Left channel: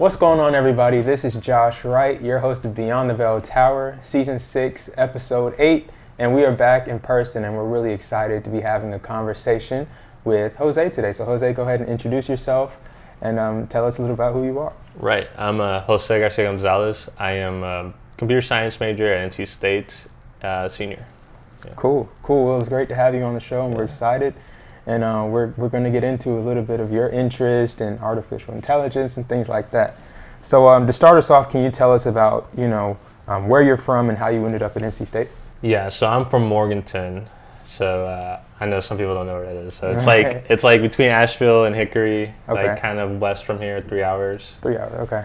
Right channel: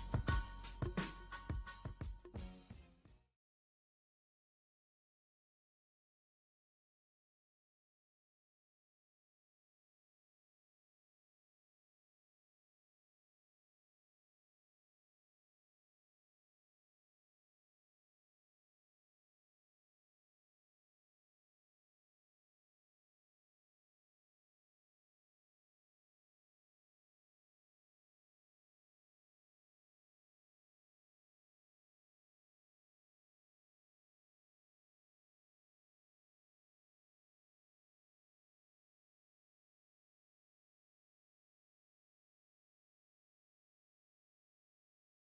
What's going on, everybody? This is Josh Wright, your host of Beyond the Bell Tower, Season 6, Episode 8, and we are back in person, and we're really excited to be having a conversation with Jose today. So Jose, go ahead and introduce yourself and tell us a little about who you are. Right. I'm Jose Garcia Gonzalez. I am a computer science major at NC State, senior. Yeah. Cool. Well, it was great to have you on the show, and we're excited. And we're going to get into a little bit of your interest in artificial intelligence and things like that. So to start us off, can you tell us about, where you're from and how you ended up at NC State? Yeah, so I'm from Morganton. So I know some people don't know where that is. So it's like between Asheville and Hickory, like kind of west from here, 3 hours. 3 hours, okay.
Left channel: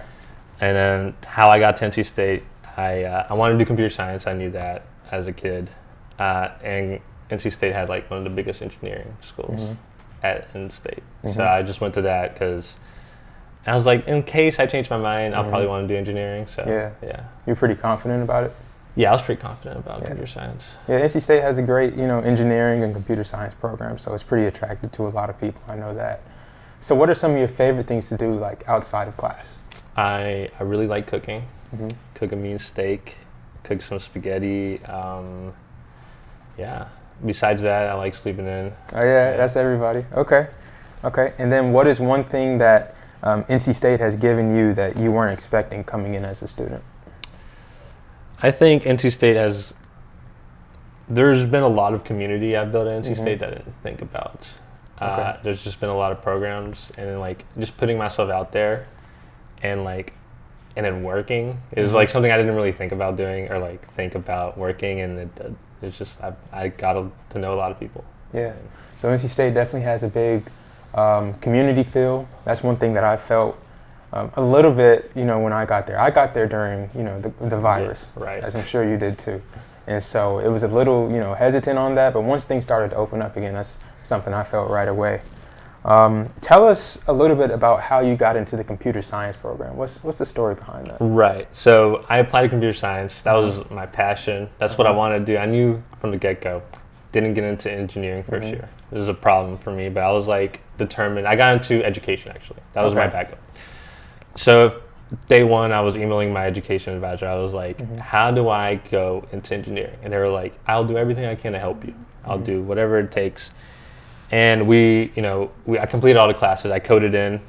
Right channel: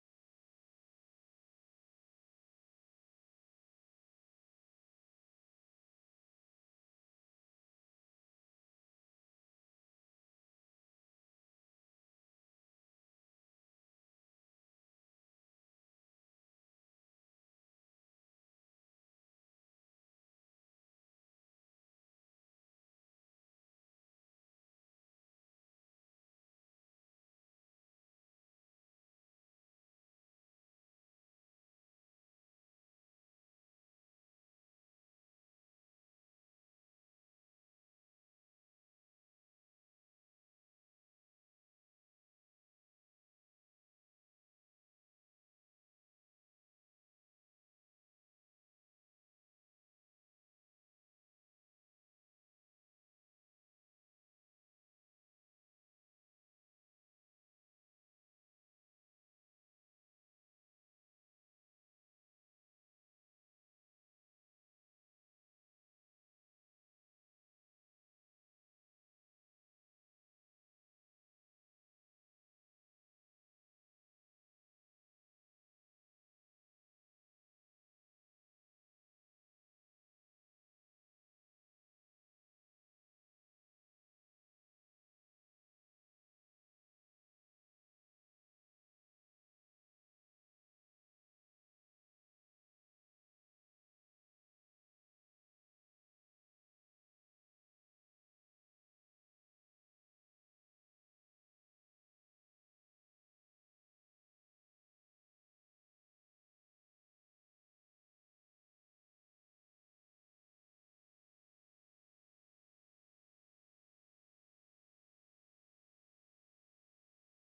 And then how I got to NC State, I wanted to do computer science. I knew that as a kid. And NC State had like one of the biggest engineering schools at NC State. So I just went to that because I was like, in case I change my mind, I'll probably want to do engineering. So yeah. You're pretty confident about it? Yeah, I was pretty confident about computer science. Yeah, NC State has a great, engineering and computer science program, so it's pretty attractive to a lot of people. I know that. So what are some of your favorite things to do, like outside of class? I really like cooking. Cook a mean steak, cook some spaghetti. Besides that, I like sleeping in. Oh yeah, that's everybody. Okay. And then what is one thing that NC State has given you that you weren't expecting coming in as a student? I think NC State there's been a lot of community I've built at NC State that I didn't think about. There's just been a lot of programs, and like just putting myself out there and then working is like something I didn't really think about doing or like think about working, and it's just I got to know a lot of people. Yeah. So NC State definitely has a big community feel. That's one thing that I felt a little bit, when I got there. I got there during, the virus, right? As I'm sure you did too. And so it was a little, hesitant on that. But once things started to open up again, that's something I felt right away. Tell us a little bit about how you got into the computer science program. What's the story behind that? Right. So I applied to computer science. That was my passion. That's what I wanted to do. I knew from the get-go. Didn't get into engineering first year. This was a problem for me, but I was like determined. I got into education actually. That was my backup. So day one, I was emailing my education advisor. I was like, how do I go into engineering? And they were like, I'll do everything I can to help you. I'll do whatever it takes. And I completed all the classes. I coded in,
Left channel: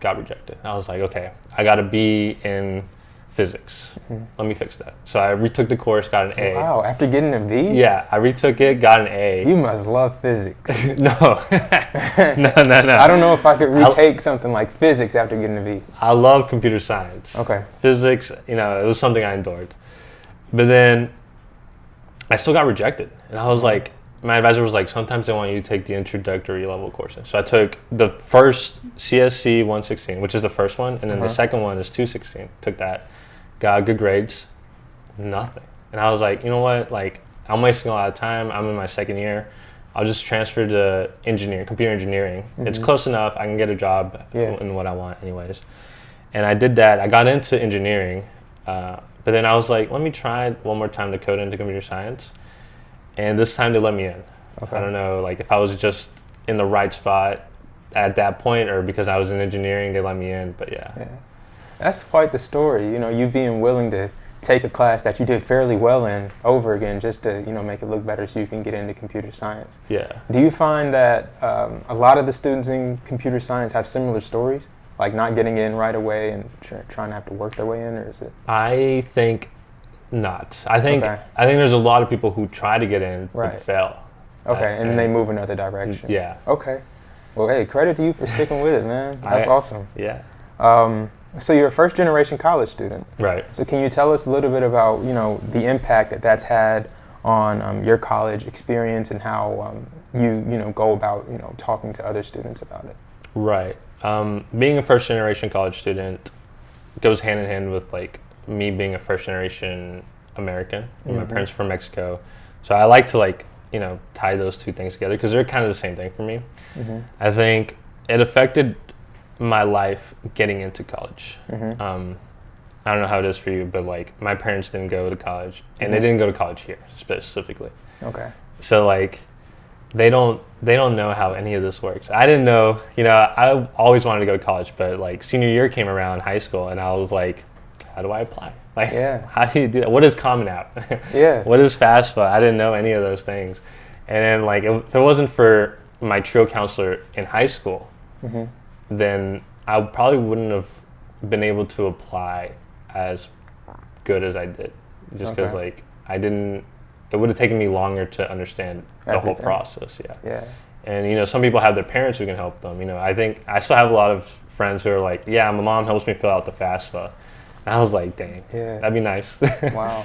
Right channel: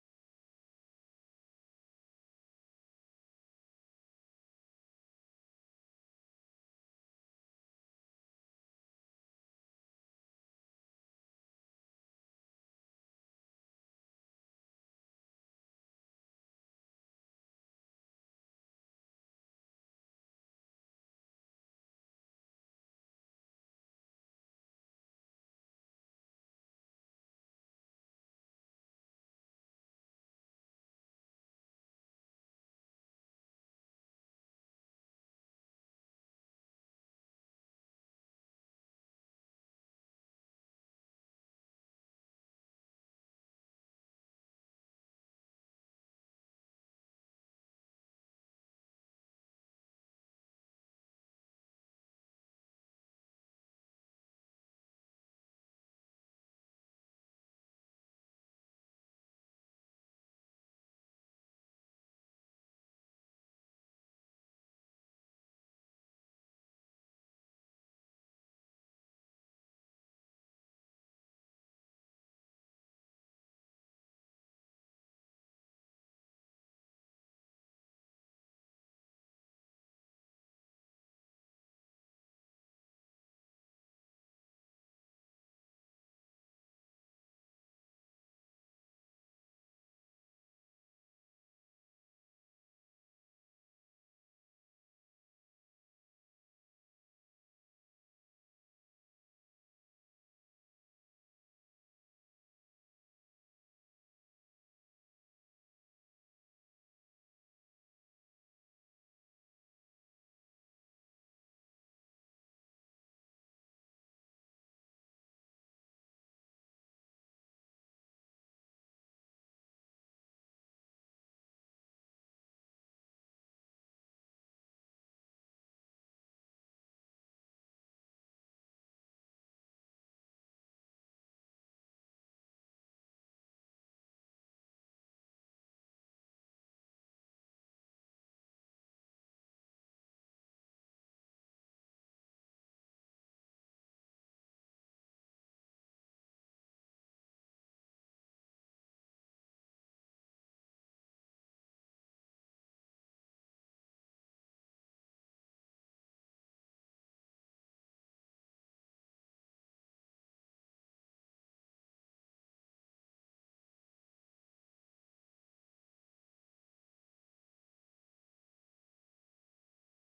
got rejected. I was like, okay, I got a B in physics. Let me fix that. So I retook the course, got an A. Wow, after getting a B? Yeah, I retook it, got an A. You must love physics. No. No. I don't know if I could retake something like physics after getting a B. I love computer science. Okay. Physics, it was something I endured. But then I still got rejected. And I was like, my advisor was like, sometimes they want you to take the introductory level courses. So I took the first CSC 116, which is the first one, and then the second one is 216. Took that, got good grades, nothing. And I was like, you know what? Like, I'm wasting a lot of time. I'm in my second year. I'll just transfer to computer engineering. It's close enough. I can get a job in what I want anyways. And I did that. I got into engineering, but then I was like, let me try one more time to code into computer science. And this time they let me in. I don't know, like if I was just in the right spot at that point, or because I was in engineering, they let me in. But yeah. That's quite the story. You being willing to take a class that you did fairly well in over again, just to make it look better, so you can get into computer science. Yeah. Do you find that a lot of the students in computer science have similar stories, like not getting in right away and trying to have to work their way in, or is it? I think not. I think there's a lot of people who try to get in but fail. Okay, and they move another direction. Yeah. Okay. Well, hey, credit to you for sticking with it, man. That's awesome. Yeah. So you're a first-generation college student. Right. So can you tell us a little bit about, the impact that's had on your college experience and how you go about, talking to other students about it? Right. Being a first-generation college student goes hand in hand with like me being a first-generation American. My parents are from Mexico, so I like to tie those two things together because they're kind of the same thing for me. I think it affected my life getting into college. I don't know how it is for you, but like my parents didn't go to college, and they didn't go to college here specifically. Okay. So like they don't know how any of this works. I didn't know, I always wanted to go to college, but like senior year came around, high school, and I was like, how do I apply? Like, how do you do that? What is Common App? What is FAFSA? I didn't know any of those things. And then like, if it wasn't for my TRIO counselor in high school, then I probably wouldn't have been able to apply as good as I did. Just because like, it would have taken me longer to understand the whole process. And some people have their parents who can help them. I think I still have a lot of friends who are like, my mom helps me fill out the FAFSA. And I was like, dang, that'd be nice. Wow.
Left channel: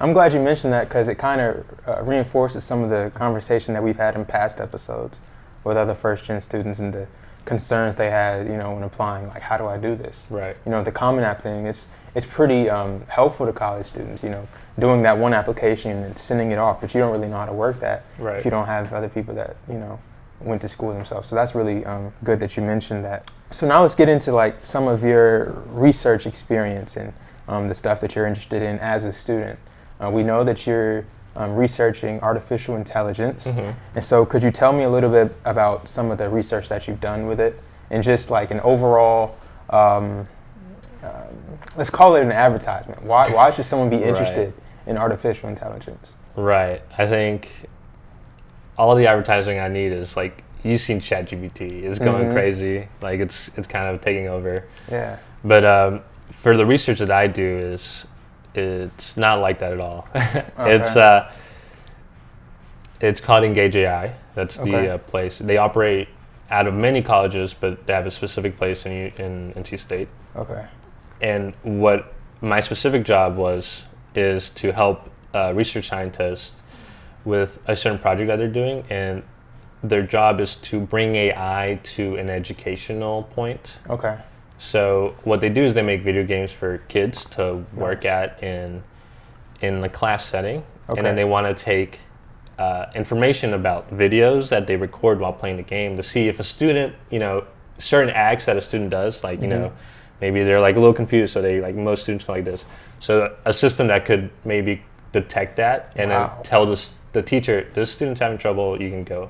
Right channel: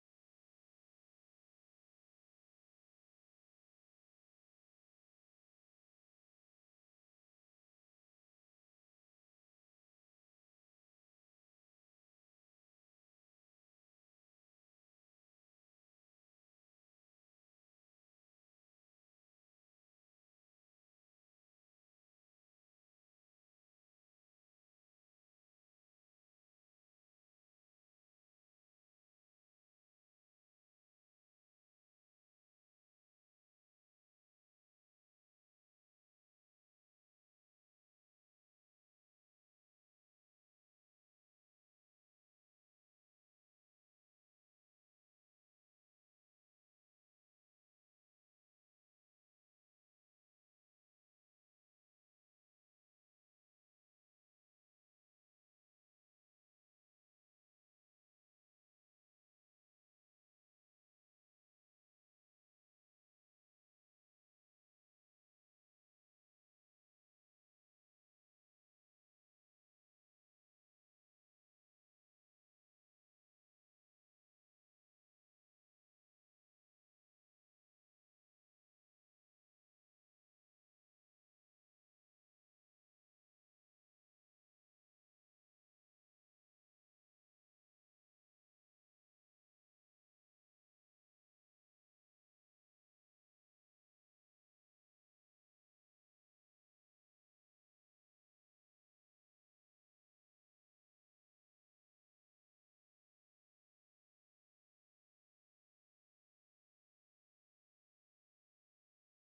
I'm glad you mentioned that because it kind of reinforces some of the conversation that we've had in past episodes with other first-gen students and the concerns they had, when applying, like, how do I do this? Right. The Common App thing, it's pretty helpful to college students, doing that one application and sending it off, but you don't really know how to work that if you don't have other people that, went to school themselves. So that's really good that you mentioned that. So now let's get into like some of your research experience and the stuff that you're interested in as a student. We know that you're researching artificial intelligence. And so could you tell me a little bit about some of the research that you've done with it and just like an overall, let's call it an advertisement. Why should someone be interested in artificial intelligence? Right. I think all the advertising I need is like, you've seen ChatGPT. It's going crazy. Like it's kind of taking over. Yeah. But for the research that I do it's not like that at all. Okay. It's called Engage AI. That's the place. They operate out of many colleges, but they have a specific place in NC State. Okay. And what my specific job is to help research scientists with a certain project that they're doing, and their job is to bring AI to an educational point. Okay. So what they do is they make video games for kids to work at in the class setting, and then they want to take information about videos that they record while playing the game to see if a student, certain acts that a student does, like maybe they're like a little confused, so they like most students go like this. So a system that could maybe detect that and then tell the teacher, this student's having trouble, you can go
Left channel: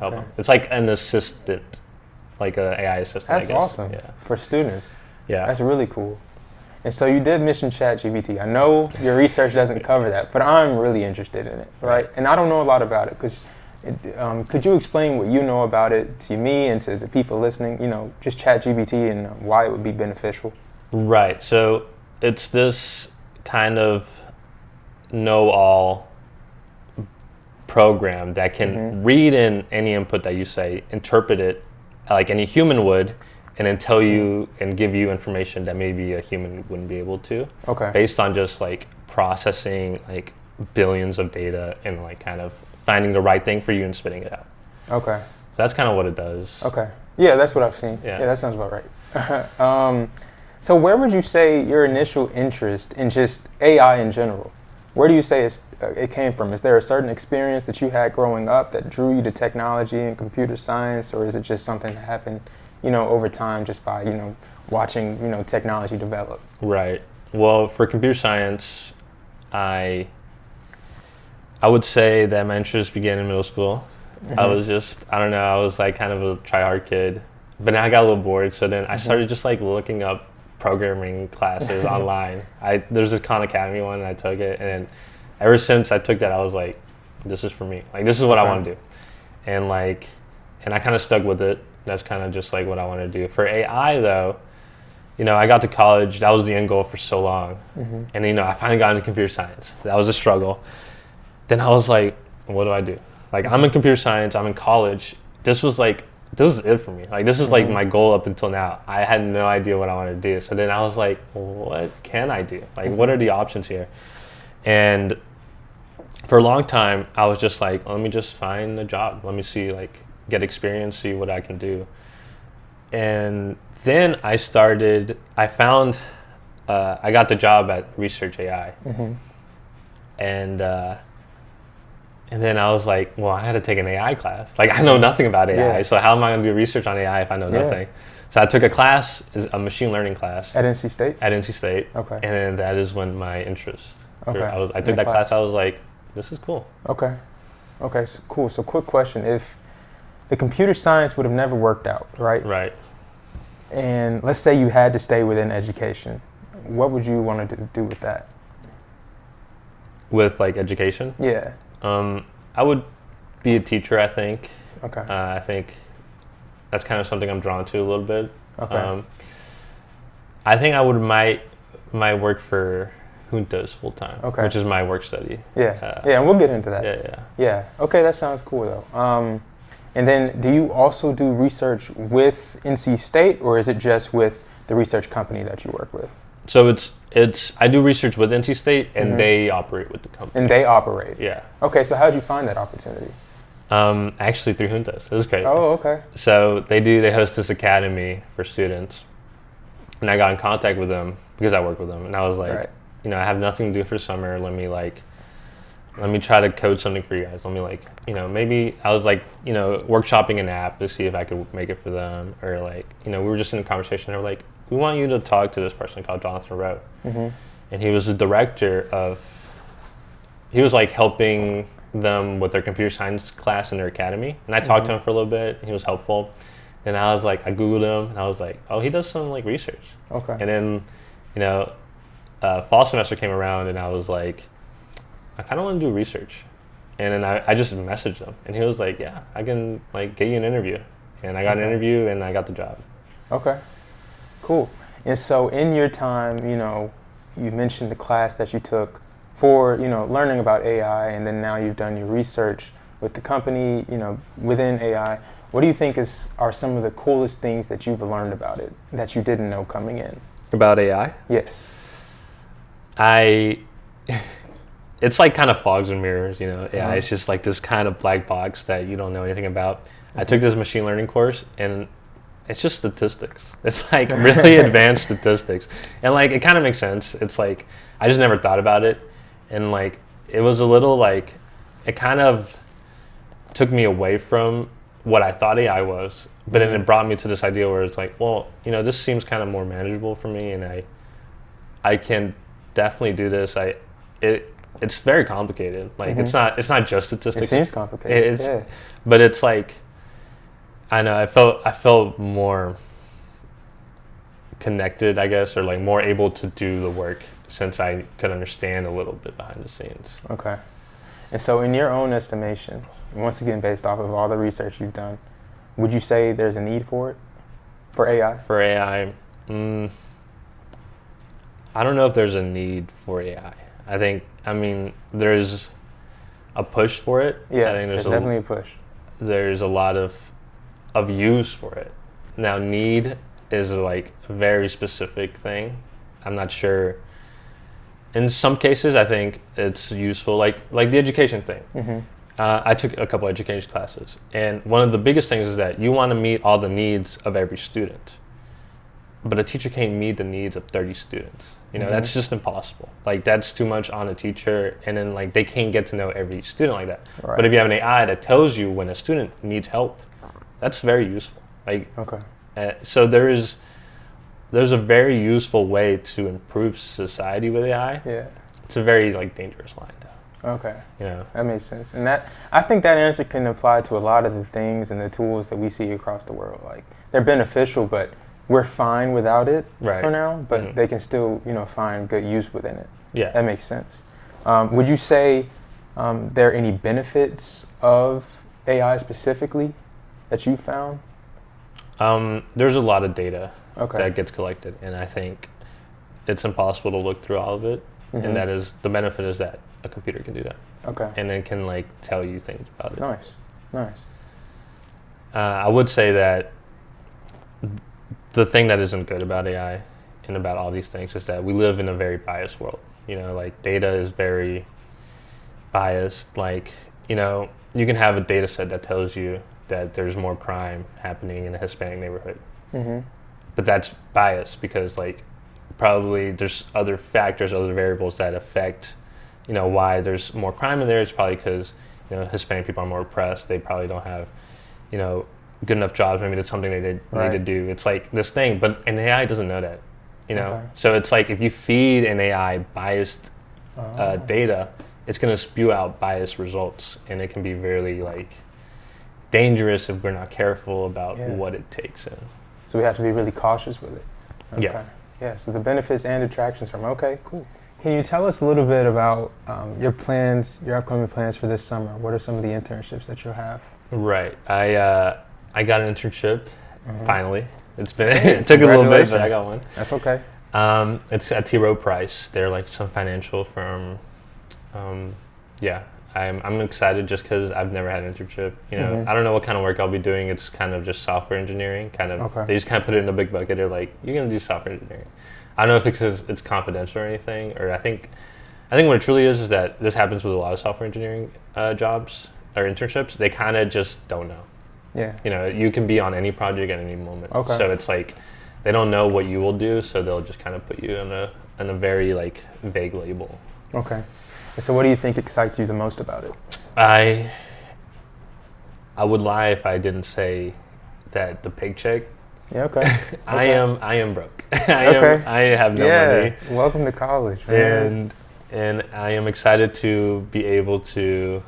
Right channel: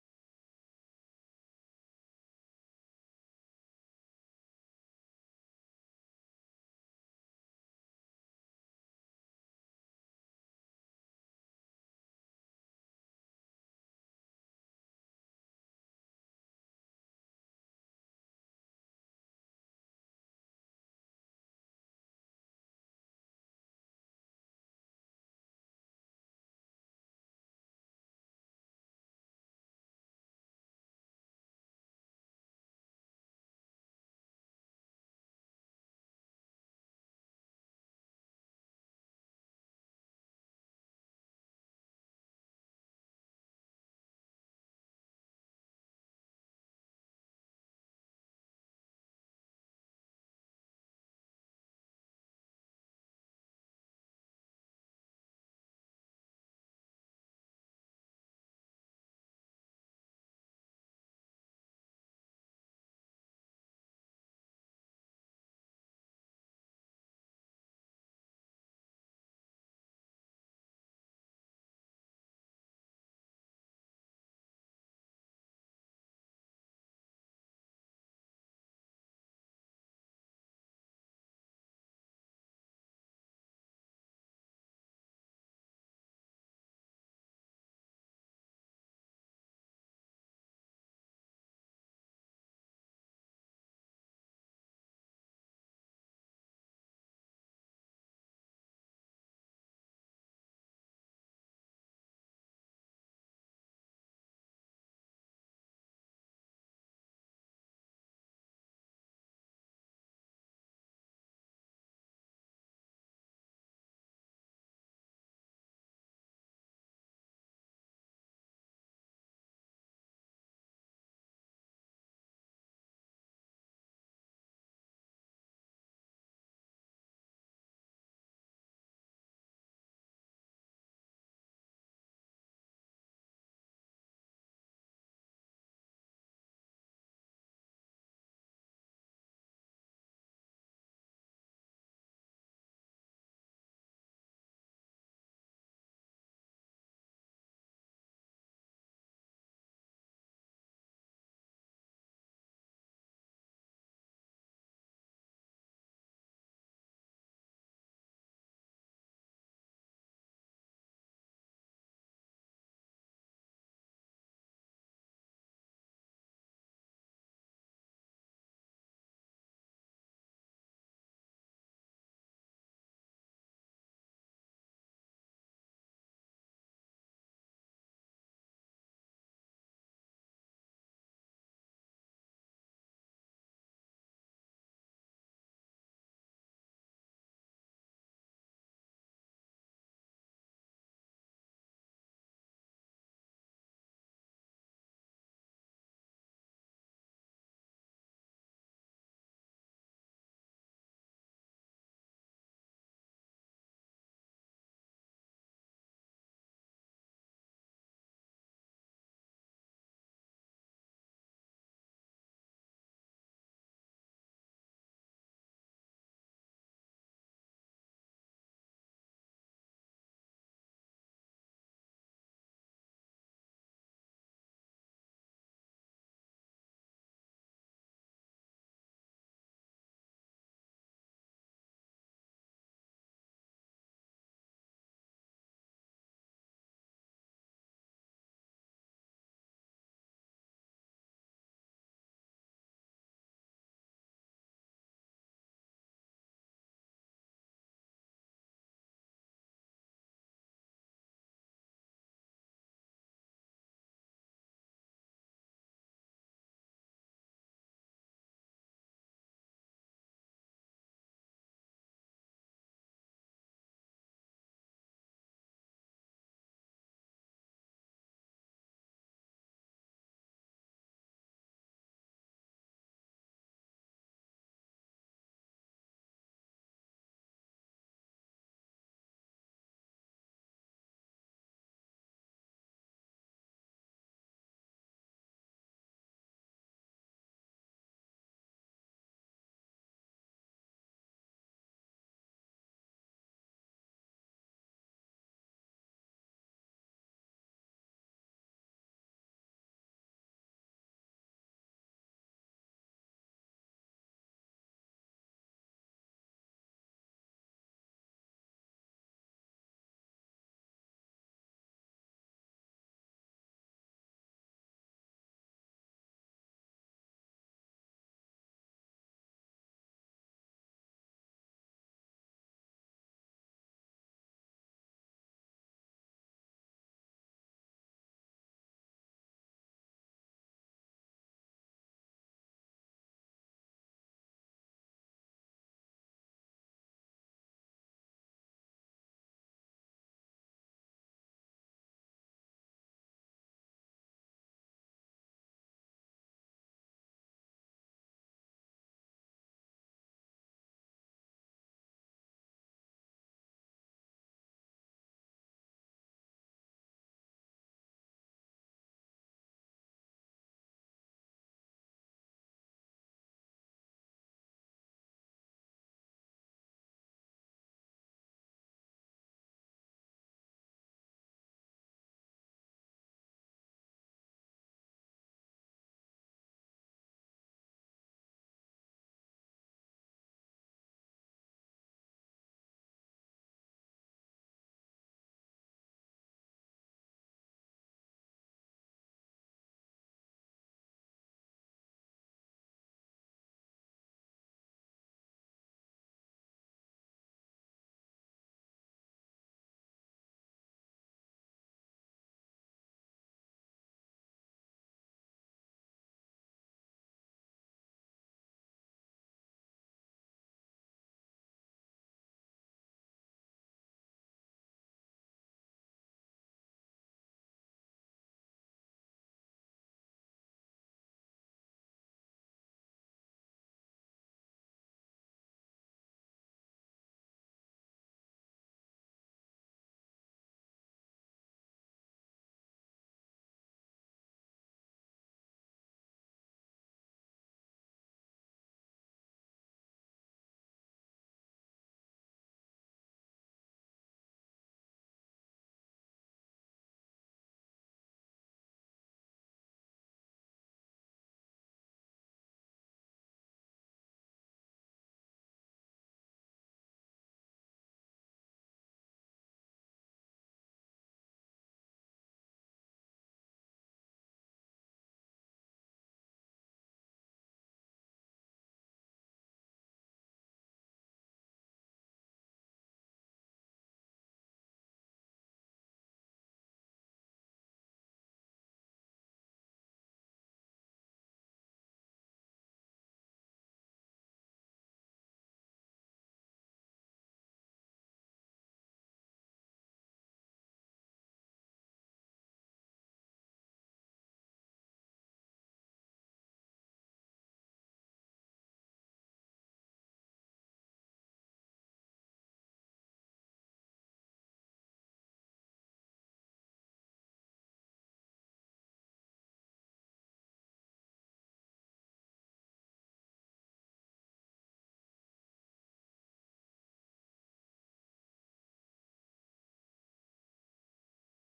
help them. It's like an assistant, like an AI assistant. That's I guess. awesome for students. Yeah. That's really cool. And so you did mention ChatGPT. I know your research doesn't cover that, but I'm really interested in it, right? And I don't know a lot about it. Could you explain what you know about it to me and to the people listening, just ChatGPT and why it would be beneficial? Right. So it's this kind of know-all program that can read in any input that you say, interpret it like any human would, and then tell you and give you information that maybe a human wouldn't be able to. Okay. Based on just like processing like billions of data and like kind of finding the right thing for you and spitting it out. Okay. So that's kind of what it does. Okay. Yeah, that's what I've seen. Yeah, that sounds about right. So where would you say your initial interest in just AI in general, where do you say it came from? Is there a certain experience that you had growing up that drew you to technology and computer science, or is it just something that happened, over time just by, watching, technology develop? Right. Well, for computer science, I would say that my interest began in middle school. I was I was like kind of a try-hard kid, but then I got a little bored, so then I started just like looking up programming classes online. There's this Khan Academy one, and I took it, and then ever since I took that, I was like, this is for me. Like, this is what I want to do. And I kind of stuck with it. That's kind of just like what I want to do. For AI though, I got to college, that was the end goal for so long. And I finally got into computer science. That was a struggle. Then I was like, what do I do? Like, I'm in computer science, I'm in college. This was it for me. Like, this is like my goal up until now. I had no idea what I wanted to do. So then I was like, what can I do? Like, what are the options here? And for a long time, I was just like, let me just find a job. Let me see, get experience, see what I can do. And then I got the job at Research AI. And then I was like, well, I had to take an AI class. Like, I know nothing about AI, so how am I going to do research on AI if I know nothing? So I took a class, a machine learning class. At NC State? At NC State. Okay. And then that is when my interest. Okay. I took that class, I was like, this is cool. Okay. Okay, so cool. So quick question. If the computer science would have never worked out, right? Right. And let's say you had to stay within education, what would you want to do with that? With like education, Yeah. I would be a teacher. I think. Okay. I think that's kind of something I'm drawn to a little bit. Okay. I think I would might work for JUNTOS full time, Okay. which is my work study. Yeah. Yeah, and we'll get into that. Yeah. Yeah. Okay, that sounds cool though. And then do you also do research with NC State, or is it just with the research company that you work with? So it's I do research with NC State, and Mhm. they operate with the company. And they operate? Yeah. Okay, so how did you find that opportunity? Actually through JUNTOS. It was great. Oh, okay. So they host this academy for students, and I got in contact with them because I work with them, and I was like, Right. I have nothing to do for summer. Let me try to code something for you guys. Let me maybe I was like, workshopping an app to see if I could make it for them, or like, we were just in a conversation. They were like, we want you to talk to this person called Jonathan Rowe, Mm-hmm. and he was the director of. He was like helping them with their computer science class in their academy, and I talked to him for a little bit. He was helpful, and I was like, I googled him, and I was like, oh, he does some like research. Okay. And then, fall semester came around, and I was like, I kind of want to do research, and then I just messaged him, and he was like, yeah, I can like get you an interview, and I got an interview, and I got the job. Okay. Cool. And so in your time, you mentioned the class that you took for, learning about AI, and then now you've done your research with the company, within AI. What do you think are some of the coolest things that you've learned about it that you didn't know coming in? About AI? Yes. It's like kind of fogs and mirrors, AI. Uh-huh. It's just like this kind of black box that you don't know anything about. I took this machine learning course, and it's just statistics. It's like really advanced statistics. And like, it kind of makes sense. It's like, I just never thought about it. And like, it was a little like, it kind of took me away from what I thought AI was. But then it brought me to this idea where it's like, well, this seems kind of more manageable for me, and I can definitely do this. It's very complicated. Like, it's not just statistics. It seems complicated. Yeah. But it's like, I know, I felt more connected, I guess, or like more able to do the work since I could understand a little bit behind the scenes. Okay. And so in your own estimation, once again, based off of all the research you've done, would you say there's a need for it? For AI? For AI, I don't know if there's a need for AI. There's a push for it. Yeah, I think there's definitely a push. There's a lot of use for it. Now, need is like a very specific thing. I'm not sure. In some cases, I think it's useful, like the education thing. Mm-hmm. I took a couple education classes, and one of the biggest things is that you want to meet all the needs of every student, but a teacher can't meet the needs of 30 students. That's just impossible. Like, that's too much on a teacher, and then like they can't get to know every student like that. Right. But if you have an AI that tells you when a student needs help, that's very useful. Like, okay. So there's a very useful way to improve society with AI. Yeah. It's a very like dangerous line, though. Okay. That makes sense. And I think that answer can apply to a lot of the things and the tools that we see across the world. Like, they're beneficial, but we're fine without it for now, but they can still, find good use within it. Yeah. That makes sense. Would you say there are any benefits of AI specifically that you found? There's a lot of data Okay. that gets collected, and I think it's impossible to look through all of it. Mhm. And that is the benefit is that a computer can do that. Okay. And then can like tell you things about it. Nice. I would say that the thing that isn't good about AI and about all these things is that we live in a very biased world. Like, data is very biased. Like, you can have a data set that tells you that there's more crime happening in a Hispanic neighborhood. Mm-hmm. But that's biased because like probably there's other factors, other variables that affect, why there's more crime in there. It's probably because, Hispanic people are more oppressed. They probably don't have, good enough jobs. Maybe that's something they need to do. It's like this thing, but an AI doesn't know that, Okay. So it's like if you feed an AI biased data, it's going to spew out biased results, and it can be very like dangerous if we're not careful about what it takes in. So we have to be really cautious with it. Okay. Yeah. Yeah, so the benefits and detractions from, okay, cool. Can you tell us a little bit about your plans, your upcoming plans for this summer? What are some of the internships that you'll have? Right. I got an internship, finally. It's been, it took a little bit, but I got one. That's okay. It's at T. Rowe Price. They're like some financial firm. Yeah, I'm excited just because I've never had an internship. You know, I don't know what kind of work I'll be doing. It's kind of just software engineering. They just kind of put it in a big bucket. They're like, you're gonna do software engineering. I don't know if it's confidential or anything, or I think what it truly is that this happens with a lot of software engineering jobs or internships. They kind of just don't know. Yeah. You know, you can be on any project at any moment. Okay. So it's like they don't know what you will do, so they'll just kind of put you in a very like vague label. Okay. And so what do you think excites you the most about it? I would lie if I didn't say that the paycheck. Yeah, okay. I am broke. I have no money. Welcome to college. Man. And I am excited to be able to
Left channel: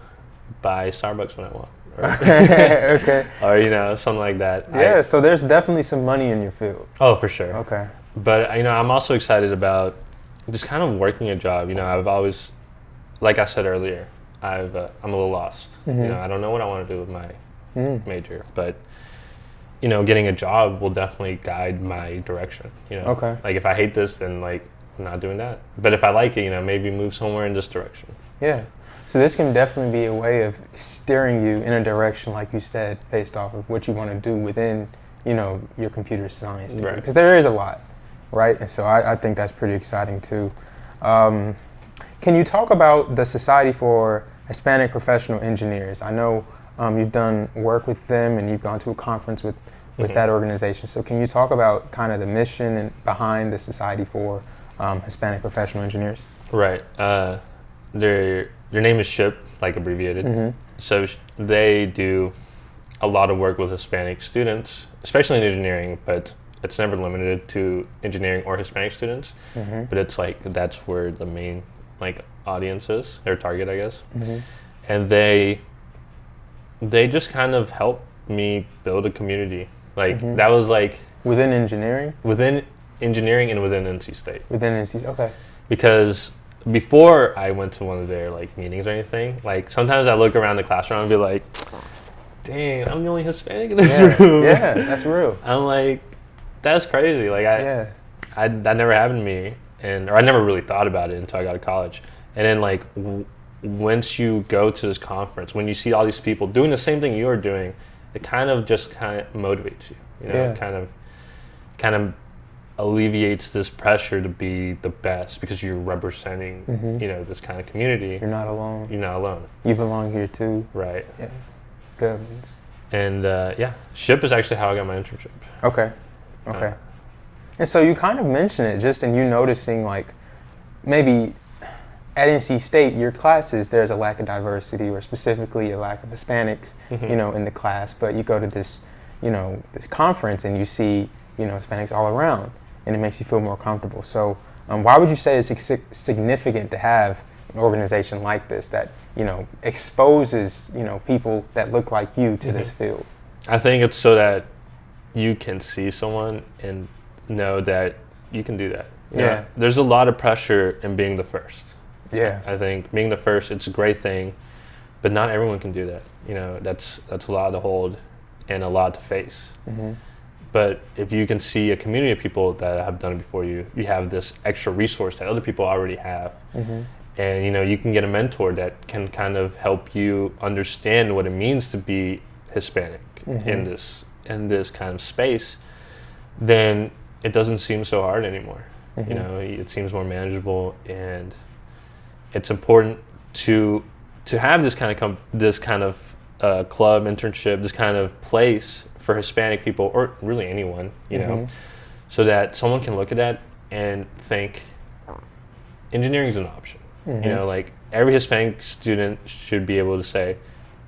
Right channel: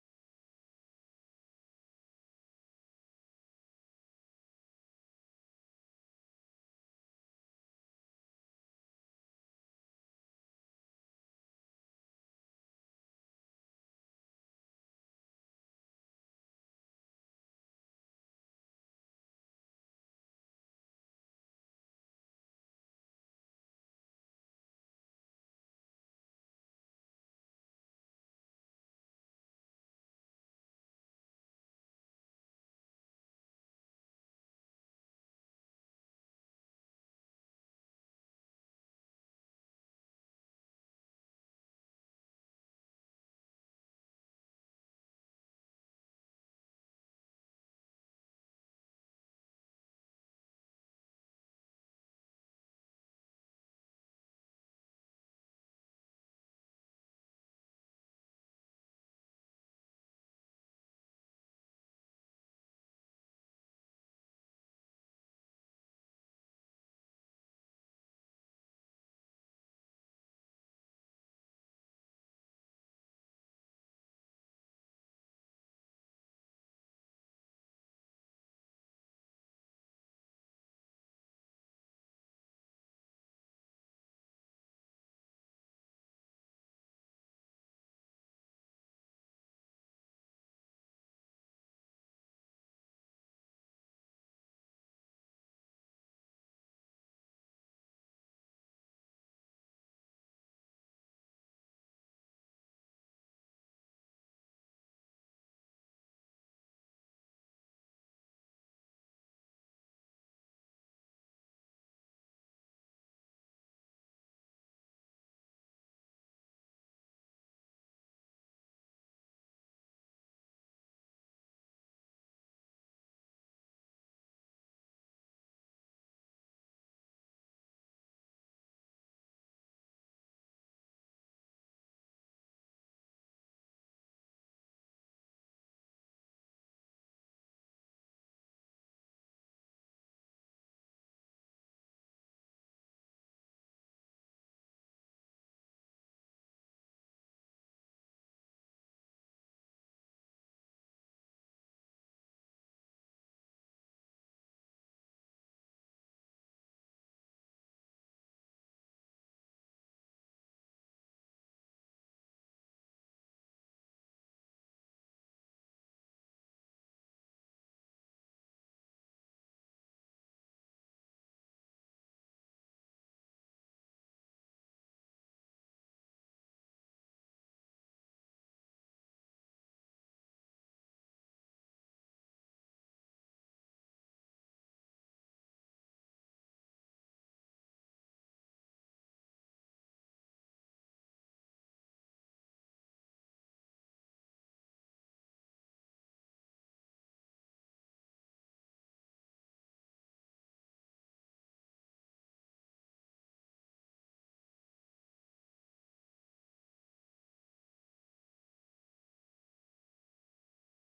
buy Starbucks when I want. Okay. Or, you know, something like that. Yeah, so there's definitely some money in your field. Oh, for sure. Okay. But, you know, I'm also excited about just kind of working a job. You know, I've always, like I said earlier, I'm a little lost. You know, I don't know what I want to do with my major, but, you know, getting a job will definitely guide my direction. You know, Okay. Like if I hate this, then like I'm not doing that. But if I like it, you know, maybe move somewhere in this direction. Yeah. So this can definitely be a way of steering you in a direction, like you said, based off of what you want to do within, you know, your computer science degree. Right. Because there is a lot, right? And so I think that's pretty exciting too. Can you talk about the Society for Hispanic Professional Engineers? I know you've done work with them and you've gone to a conference with that organization. So can you talk about kind of the mission and behind the Society for Hispanic Professional Engineers? Right. Their name is SHIP, like abbreviated. So they do a lot of work with Hispanic students, especially in engineering, but it's never limited to engineering or Hispanic students. But it's like that's where the main like audience is, their target, I guess. And they just kind of help me build a community. Like that was like within engineering and within NC State. Within NC, okay. Because before I went to one of their like meetings or anything, like sometimes I look around the classroom and be like, dang, I'm the only Hispanic in this room. Yeah, that's real. I'm like, that's crazy. Like that never happened to me, or I never really thought about it until I got to college. And then like once you go to this conference, when you see all these people doing the same thing you're doing, it kind of motivates you. You know, it kind of alleviates this pressure to be the best because you're representing, you know, this kind of community. You're not alone. You're not alone. You belong here too. Right. Yeah. Good. And SHIP is actually how I got my internship. Okay. And so you kind of mentioned it just in you noticing like maybe at NC State, your classes, there's a lack of diversity or specifically a lack of Hispanics, you know, in the class, but you go to this, you know, this conference and you see, you know, Hispanics all around and it makes you feel more comfortable. So why would you say it's significant to have an organization like this that, you know, exposes, you know, people that look like you to this field? I think it's so that you can see someone and know that you can do that. You know, there's a lot of pressure in being the first. Yeah. I think being the first, it's a great thing, but not everyone can do that. You know, that's a lot to hold and a lot to face. But if you can see a community of people that have done it before you, you have this extra resource that other people already have. And, you know, you can get a mentor that can kind of help you understand what it means to be Hispanic in this kind of space, then it doesn't seem so hard anymore. You know, it seems more manageable, and it's important to have this kind of club internship, this kind of place for Hispanic people, or really anyone, you know, so that someone can look at that and think engineering is an option. You know, like every Hispanic student should be able to say,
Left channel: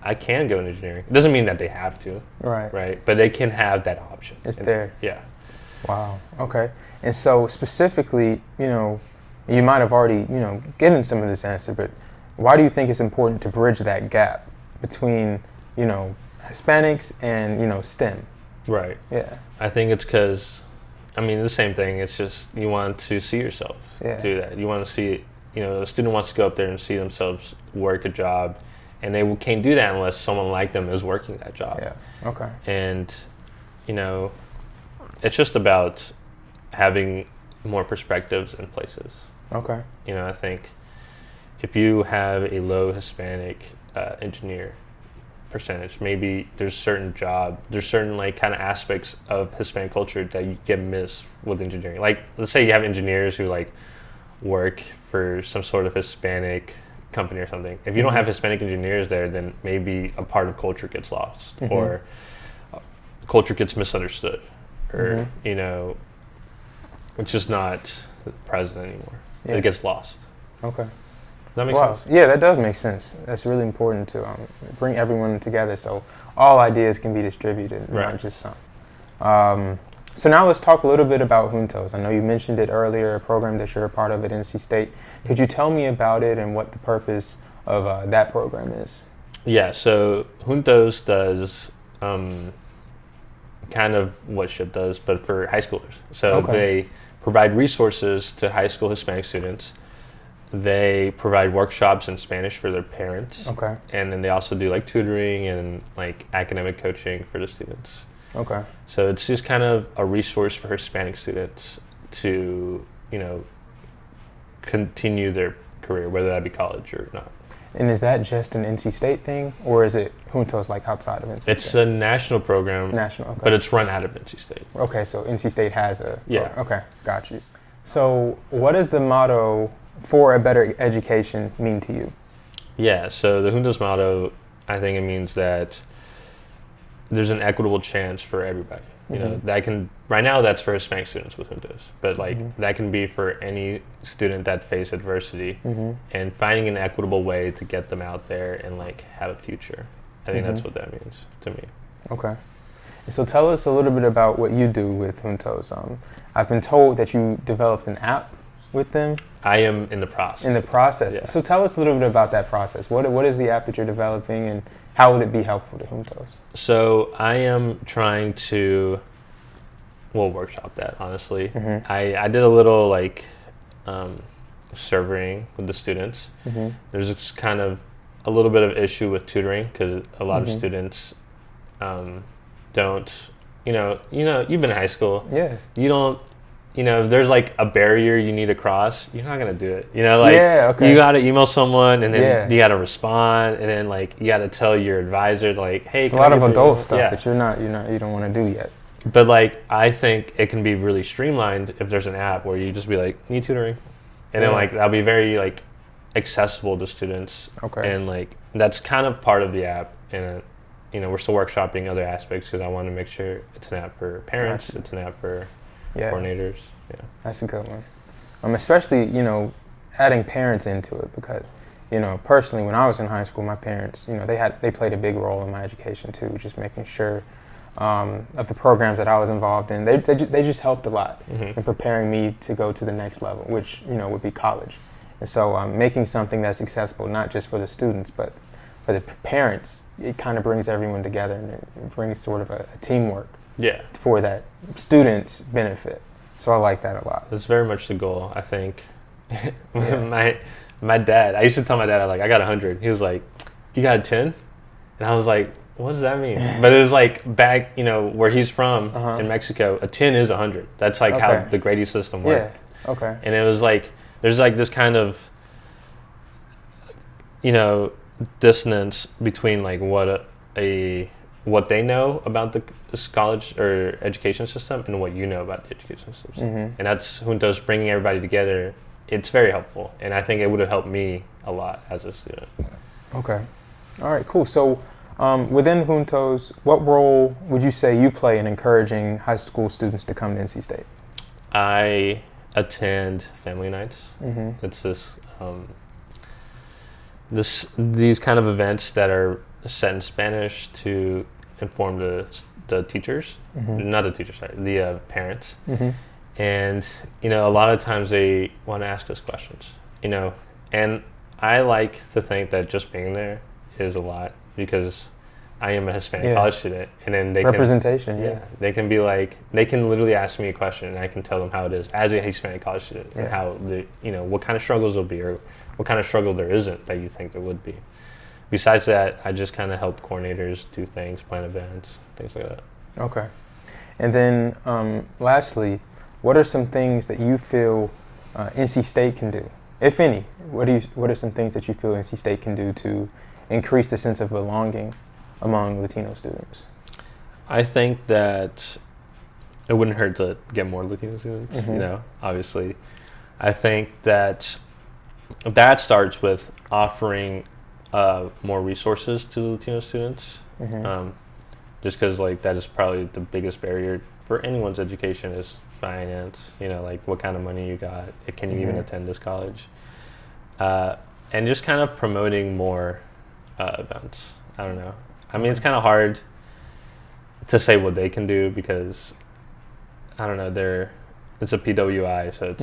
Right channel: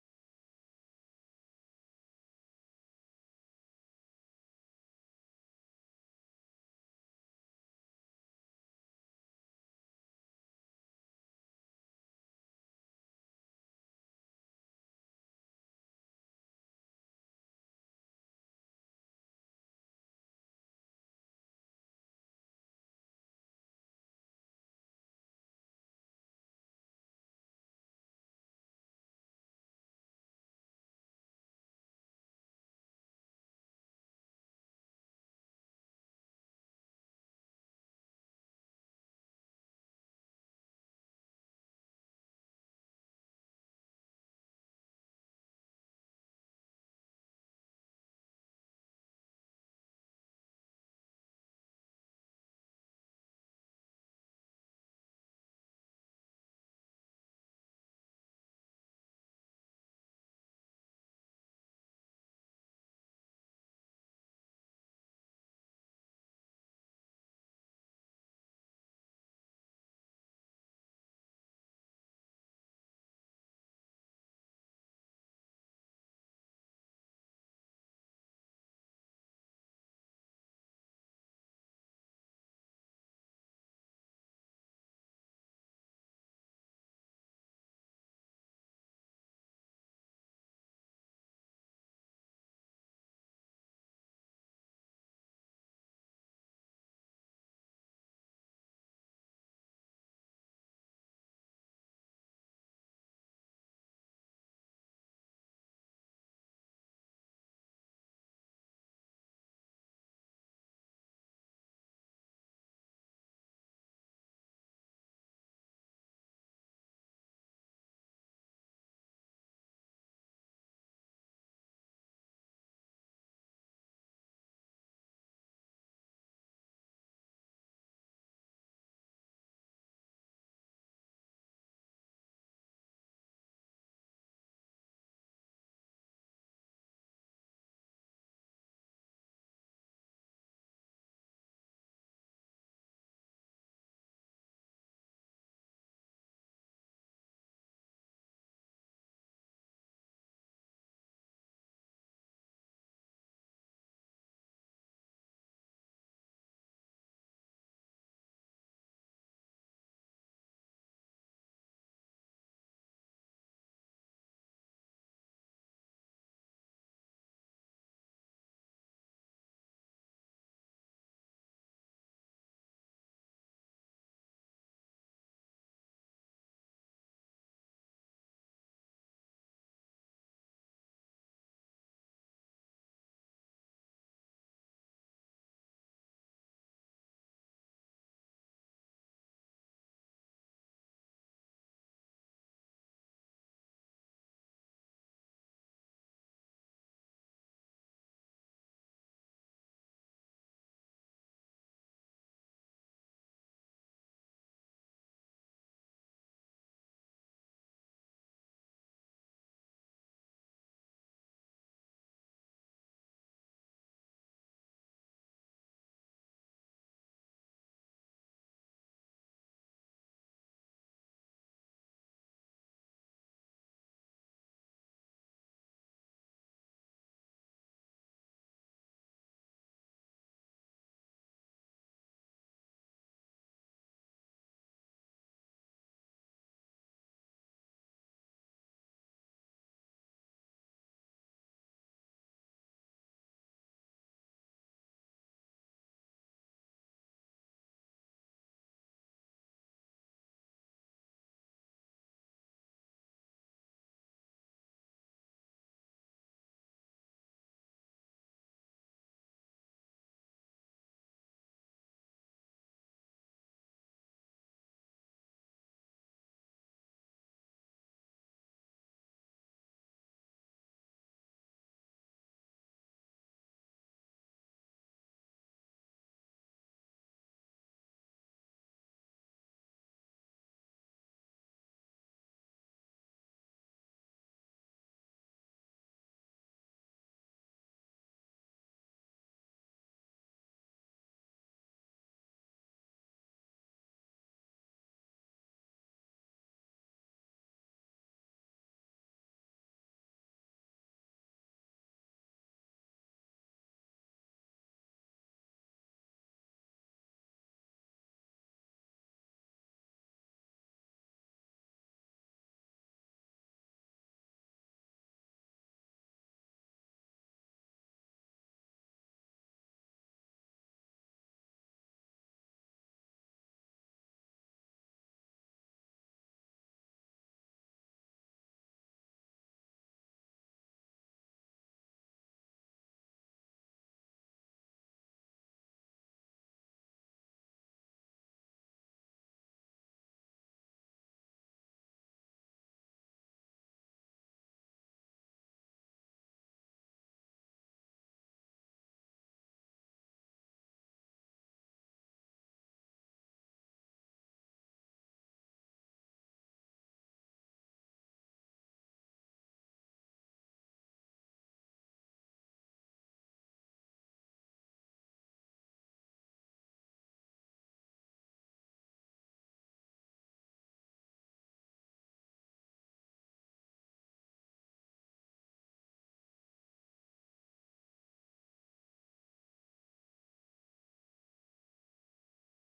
I can go into engineering. It doesn't mean that they have to, right? But they can have that option. It's there. Yeah. Wow. Okay. And so specifically, you know, you might have already, you know, given some of this answer, but why do you think it's important to bridge that gap between, Hispanics and, STEM? Right. Yeah. I think it's because, I mean, the same thing. It's just you want to see yourself do that. You want to see, a student wants to go up there and see themselves work a job, and they can't do that unless someone like them is working that job. Yeah. Okay. And, it's just about having more perspectives in places. Okay. I think if you have a low Hispanic engineer percentage, maybe there's certain like kind of aspects of Hispanic culture that you get missed with engineering. Like, let's say you have engineers who like work for some sort of Hispanic company or something. If you don't have Hispanic engineers there, then maybe a part of culture gets lost, or culture gets misunderstood, or it's just not present anymore. It gets lost. Okay. Does that make sense? Yeah, that does make sense. That's really important to bring everyone together so all ideas can be distributed, not just some. So now let's talk a little bit about JUNTOS. I know you mentioned it earlier, a program that you're a part of at NC State. Could you tell me about it and what the purpose of that program is? Yeah, so JUNTOS does kind of what SHIP does, but for high schoolers. So they provide resources to high school Hispanic students. They provide workshops in Spanish for their parents. Okay. And then they also do like tutoring and like academic coaching for the students. Okay. So it's just kind of a resource for Hispanic students to, continue their career, whether that be college or not. And is that just an NC State thing, or is it JUNTOS like outside of NC State? It's a national program. National, okay. But it's run out of NC State. Okay, so NC State has a... Yeah. Okay, got you. So what does the motto, "For a Better Education," mean to you? Yeah, so the JUNTOS motto, I think it means that there's an equitable chance for everybody. That can, right now that's for Hispanic students with JUNTOS, but like that can be for any student that face adversity, and finding an equitable way to get them out there and like have a future. I think that's what that means to me. Okay. So tell us a little bit about what you do with JUNTOS. I've been told that you developed an app with them. I am in the process. In the process. Yeah. So tell us a little bit about that process. What is the app that you're developing, and how would it be helpful to JUNTOS? So I am trying to, workshop that, honestly. I did a little like surveying with the students. There's just kind of a little bit of issue with tutoring because a lot of students don't, you've been in high school. Yeah. You don't, if there's like a barrier you need to cross, you're not going to do it. You got to email someone, and then you got to respond, and then like you got to tell your advisor like, hey, it's a lot of adult stuff that you don't want to do yet. But like, I think it can be really streamlined if there's an app where you just be like, need tutoring, and then like that'll be very like accessible to students. Okay. And like that's kind of part of the app, and we're still workshopping other aspects because I want to make sure it's an app for parents, it's an app for coordinators. Yeah, that's a good one. Especially adding parents into it because personally when I was in high school, my parents they played a big role in my education too, just making sure of the programs that I was involved in. They just helped a lot in preparing me to go to the next level, which would be college. And so making something that's accessible not just for the students but for the parents, it kind of brings everyone together, and it brings sort of a teamwork. Yeah. For that student's benefit. So I like that a lot. That's very much the goal, I think. My dad, I used to tell my dad, I got 100. He was like, you got a 10? And I was like, what does that mean? But it was like back, where he's from in Mexico, a 10 is 100. That's like how the grading system worked. Yeah. Okay. And it was like, there's like this kind of, dissonance between like what they know about the college or education system and what you know about the education system. And that's JUNTOS bringing everybody together. It's very helpful, and I think it would have helped me a lot as a student. Okay. All right, cool. So within JUNTOS, what role would you say you play in encouraging high school students to come to NC State? I attend family nights. It's these kind of events that are set in Spanish to inform the teachers, not the teachers, sorry, the parents. And, a lot of times they want to ask us questions, and I like to think that just being there is a lot because I am a Hispanic college student, and then they representation. can, they can be like, they can literally ask me a question, and I can tell them how it is as a Hispanic college student, and how what kind of struggles will be, or what kind of struggle there isn't that you think there would be. Besides that, I just kind of help coordinators do things, plan events, things like that. Okay. And then lastly, what are some things that you feel NC State can do, if any? What are some things that you feel NC State can do to increase the sense of belonging among Latino students? I think that it wouldn't hurt to get more Latino students, obviously. I think that starts with offering more resources to the Latino students. Just because that is probably the biggest barrier for anyone's education is finance, what kind of money you got, can you even attend this college? And just kind of promoting more events. I don't know. I mean, it's kind of hard to say what they can do because, I don't know, it's a PWI, so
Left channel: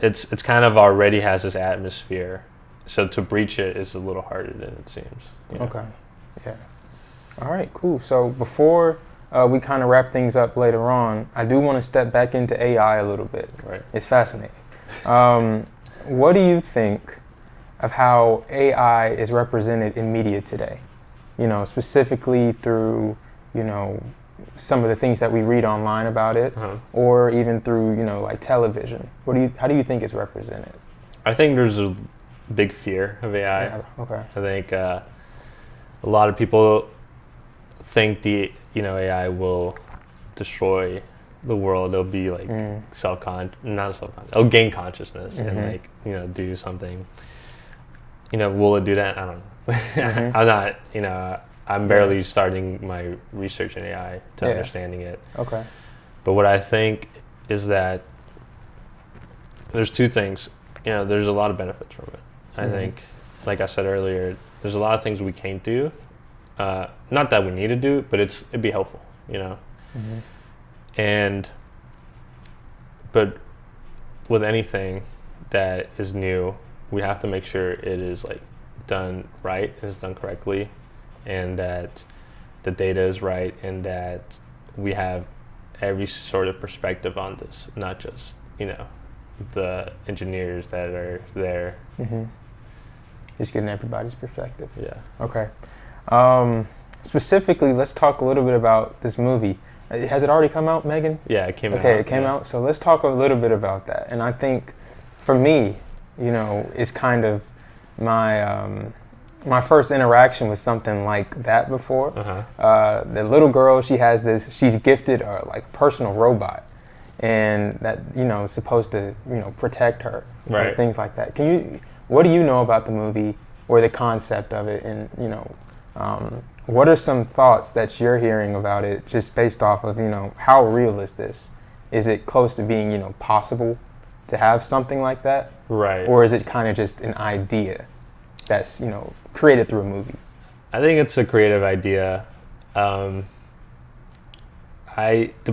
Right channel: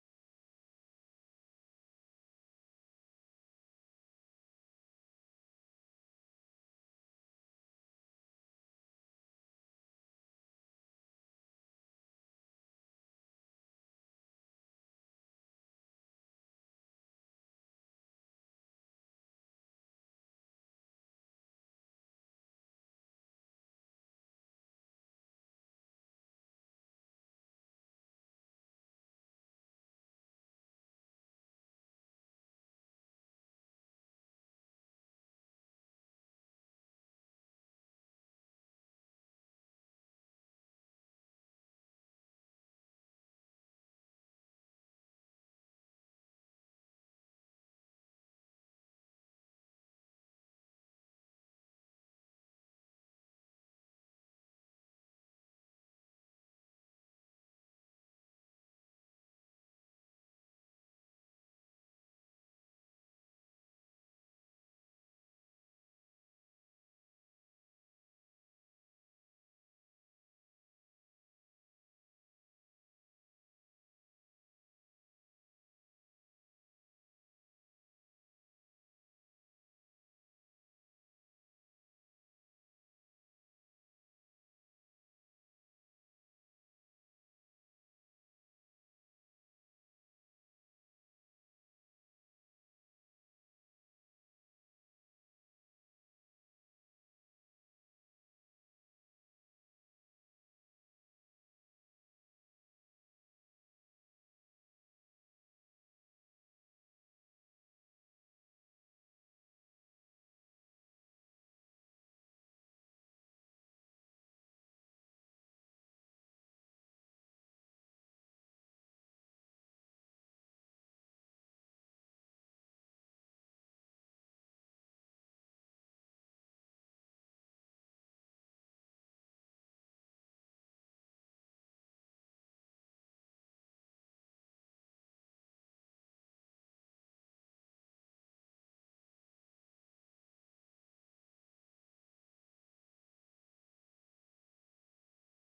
it's it's kind of already has this atmosphere. So to breach it is a little harder than it seems. Okay. Yeah. All right, cool. So before we kind of wrap things up later on, I do want to step back into AI a little bit. Right. It's fascinating. What do you think of how AI is represented in media today? Specifically through, some of the things that we read online about it, or even through, like television. How do you think it's represented? I think there's a big fear of AI. Yeah, okay. I think a lot of people think AI will destroy the world. It'll be like it'll gain consciousness and do something. Will it do that? I don't know. I'm not, I'm barely starting my research in AI to understanding it. Okay. But what I think is that there's two things. There's a lot of benefits from it. I think, like I said earlier, there's a lot of things we can't do. Not that we need to do, but it'd be helpful, But with anything that is new, we have to make sure it is done right, and it's done correctly, and that the data is right, and that we have every sort of perspective on this, not just the engineers that are there. Just getting everybody's perspective. Yeah. Okay. Specifically, let's talk a little bit about this movie. Has it already come out, Megan? Yeah, it came out. Okay, it came out. So let's talk a little bit about that. And I think, for me, it's kind of my first interaction with something like that before. The little girl, she's gifted a personal robot, and that is supposed to protect her, right? Or things like that. What do you know about the movie or the concept of it, and what are some thoughts that you're hearing about it, just based off of how real is this? Is it close to being possible to have something like that, right? Or is it kind of just an idea that's created through a movie? I think it's a creative idea. The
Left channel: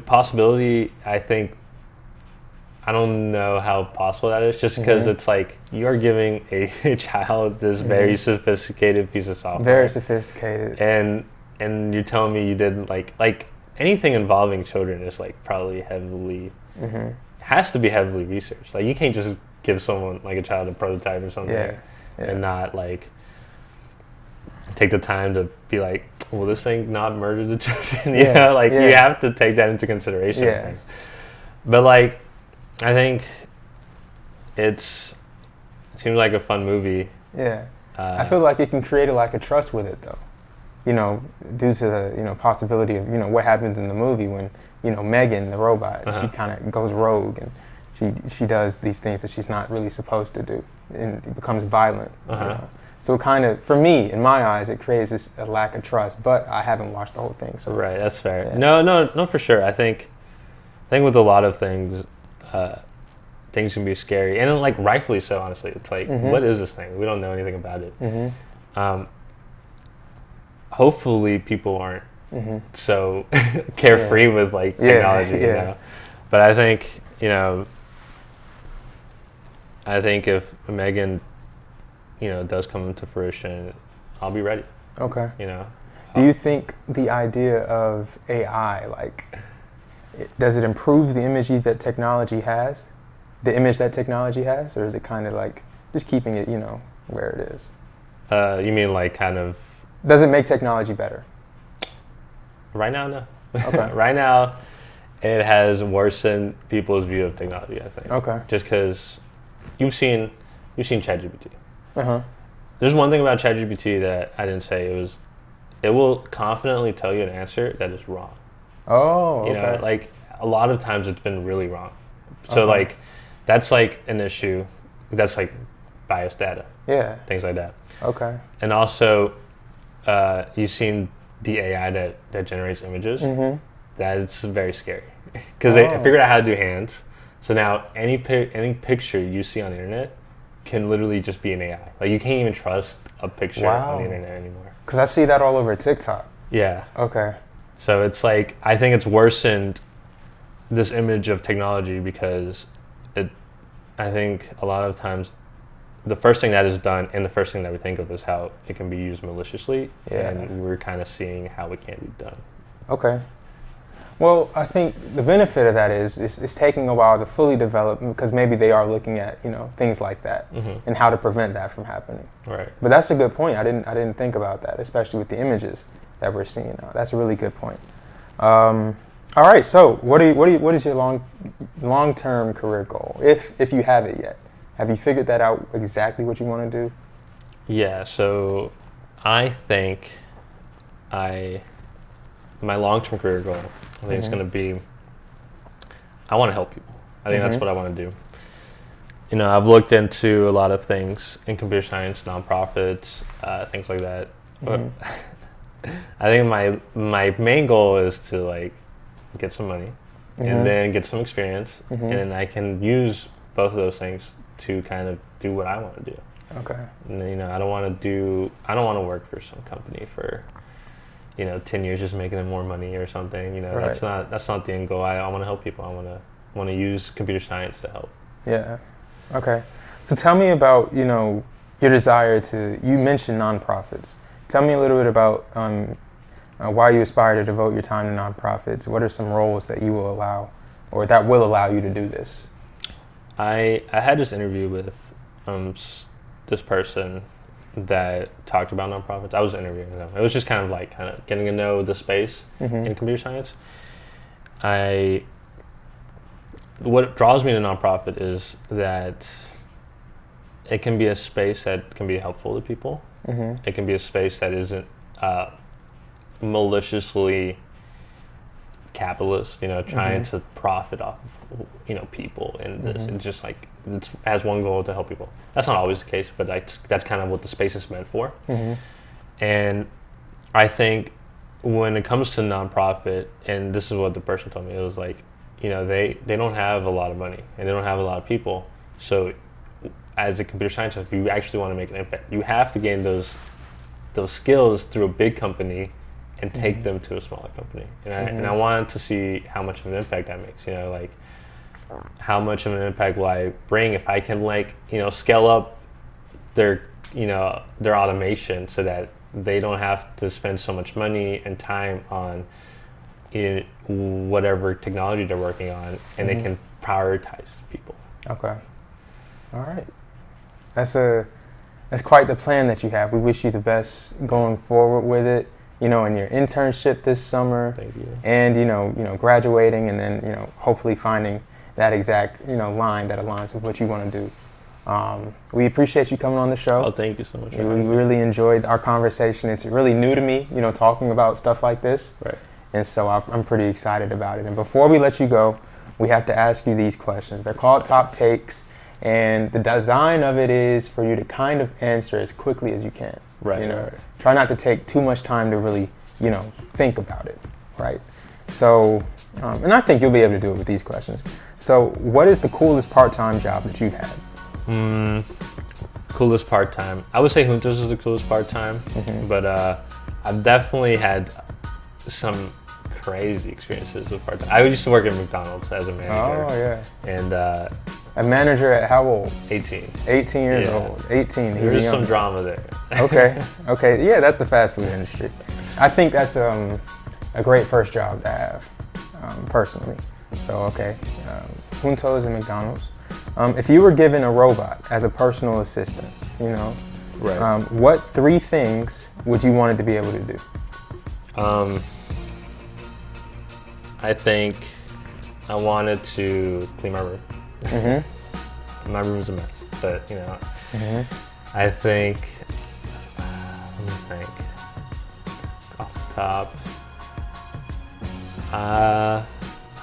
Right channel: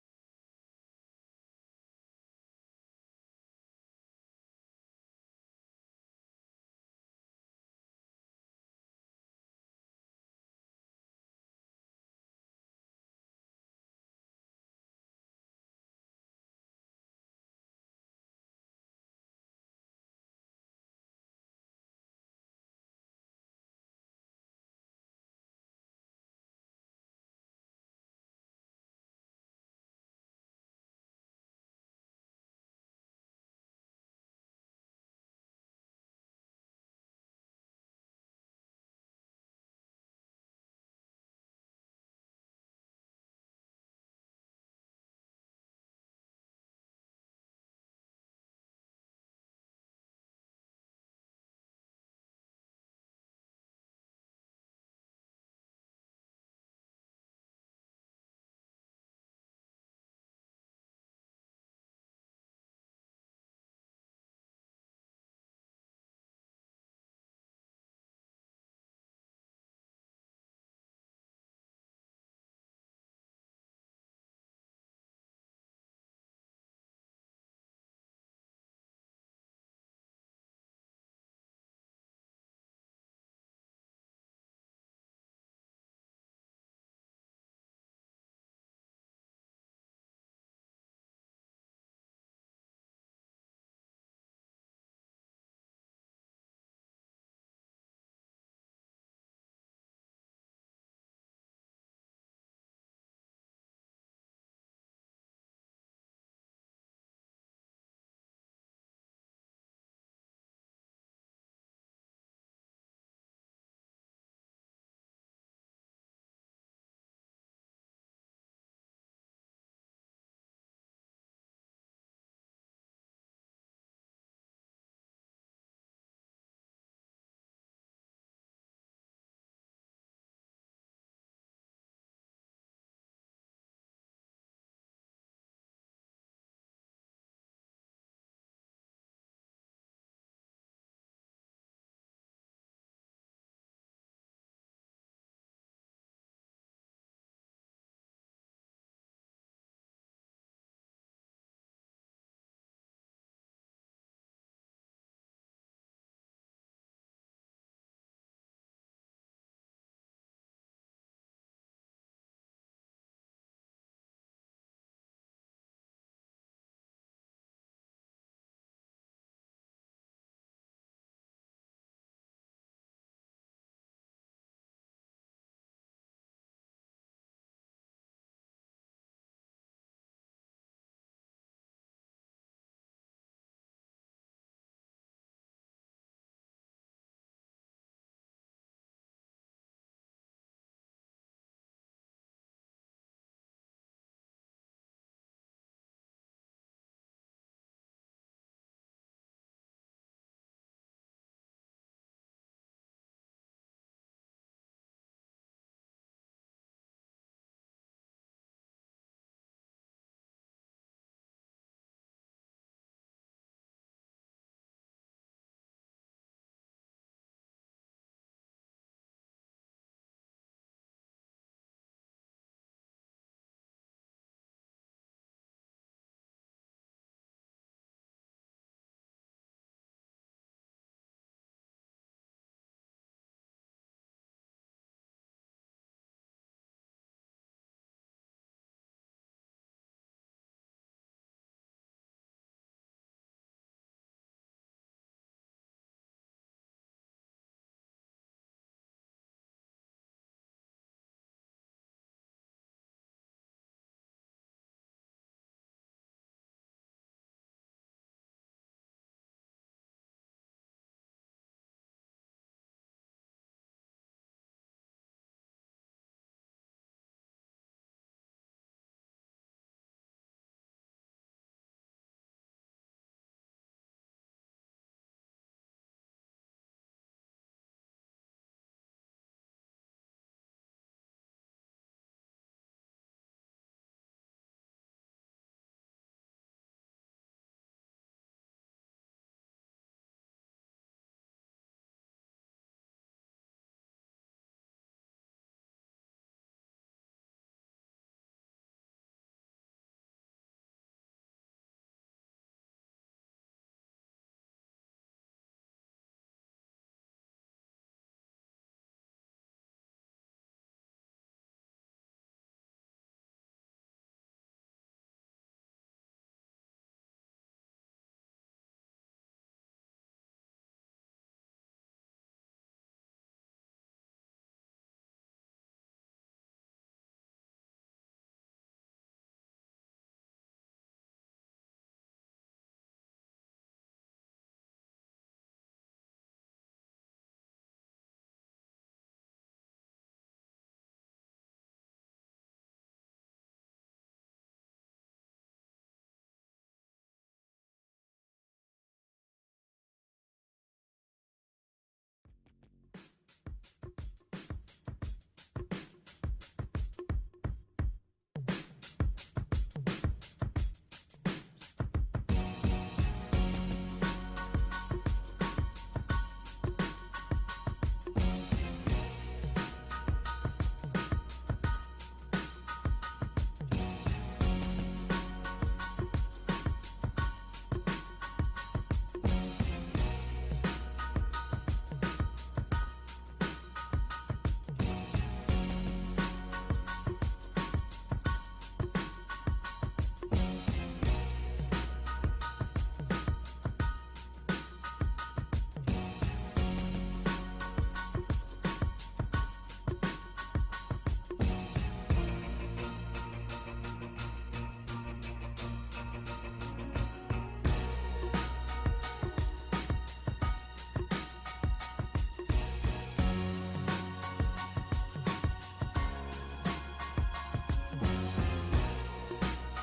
possibility, I don't know how possible that is, just because it's you are giving a child this very sophisticated piece of software. Very sophisticated. And you're telling me you didn't like anything involving children is probably heavily, has to be heavily researched. You can't just give someone a child a prototype or something and not take the time to be will this thing not murder the children? You have to take that into consideration. Yeah. But I think it seems like a fun movie. Yeah. I feel like it can create a trust with it though. Due to the possibility of what happens in the movie when Megan the robot, she kind of goes rogue and she does these things that she's not really supposed to do, and it becomes violent. So it kind of, for me, in my eyes, it creates a lack of trust. But I haven't watched the whole thing, so right, that's fair. Yeah. No, for sure. I think with a lot of things, things can be scary, and rightfully so. Honestly, it's what is this thing? We don't know anything about it. Hopefully, people aren't so carefree with technology. But I think I think if Megan, does come into fruition, I'll be ready. Okay. You know. Do you think the idea of AI, does it improve the image that technology has? The image that technology has? Or is it kind of like just keeping it, where it is? You mean like kind of... Does it make technology better? Right now, no. Okay. Right now, it has worsened people's view of technology, I think. Okay. Just because you've seen ChatGPT. Uh-huh. There's one thing about ChatGPT that I didn't say. It will confidently tell you an answer that is wrong. Oh, okay. Like a lot of times it's been really wrong. So like that's like an issue. That's like biased data. Yeah. Things like that. Okay. And also, you've seen the AI that generates images. Mm-hmm. That's very scary because they figured out how to do hands. So now any picture you see on the internet can literally just be an AI. Like you can't even trust a picture on the internet anymore. Because I see that all over TikTok. Yeah. Okay. So it's like, I think it's worsened this image of technology because I think a lot of times the first thing that is done and the first thing that we think of is how it can be used maliciously. Yeah. And we're kind of seeing how it can be done. Okay. Well, I think the benefit of that is it's taking a while to fully develop because maybe they are looking at, things like that and how to prevent that from happening. Right. But that's a good point. I didn't think about that, especially with the images that we're seeing now. That's a really good point. All right. So what is your long-term career goal, if you have it yet? Have you figured that out exactly what you want to do? Yeah. So I think my long-term career goal, I think it's going to be, I want to help people. I think that's what I want to do. I've looked into a lot of things in computer science, nonprofits, things like that. But I think my main goal is to get some money and then get some experience, and then I can use both of those things to kind of do what I want to do. Okay. And, I don't want to work for some company for 10 years just making them more money or something. Right. That's not the end goal. I want to help people. I want to use computer science to help. Yeah. Okay. So tell me about, your desire you mentioned nonprofits. Tell me a little bit about why you aspire to devote your time to nonprofits. What are some roles that you will allow or that will allow you to do this? I had this interview with this person that talked about nonprofits. I was interviewing them. It was just kind of getting to know the space in computer science. What draws me to nonprofit is that it can be a space that can be helpful to people. It can be a space that isn't maliciously capitalist, trying to profit off of, people and this. It's just it has one goal to help people. That's not always the case, but that's kind of what the space is meant for. And I think when it comes to nonprofit, and this is what the person told me, it was they don't have a lot of money and they don't have a lot of people. So as a computer scientist, if you actually want to make an impact, you have to gain those skills through a big company and take them to a smaller company. And I wanted to see how much of an impact that makes, how much of an impact will I bring if I can scale up their automation so that they don't have to spend so much money and time on whatever technology they're working on, and they can prioritize people. Okay. All right. That's quite the plan that you have. We wish you the best going forward with it, in your internship this summer. Thank you. And, graduating and then, hopefully finding that exact, line that aligns with what you want to do. We appreciate you coming on the show. Oh, thank you so much. We really enjoyed our conversation. It's really new to me, talking about stuff like this. Right. And so I'm pretty excited about it. And before we let you go, we have to ask you these questions. They're called Top Takes. And the design of it is for you to kind of answer as quickly as you can. Right. Try not to take too much time to really, think about it. Right. So, and I think you'll be able to do it with these questions. So, what is the coolest part-time job that you've had? Coolest part-time. I would say JUNTOS is the coolest part-time, but I've definitely had some crazy experiences with part-time. I used to work at McDonald's as a manager. Oh, yeah. And A manager at how old? 18. 18 years old. 18. There was some drama there. Okay. Okay. Yeah, that's the fast food industry. I think that's a great first job to have, personally. So, okay. JUNTOS and McDonald's. If you were given a robot as a personal assistant, you know, Right. what 3 things would you want it to be able to do? I think I wanted to clean my room. Mm-hmm. My room's a mess, but you know, Mm-hmm. I think, off the top,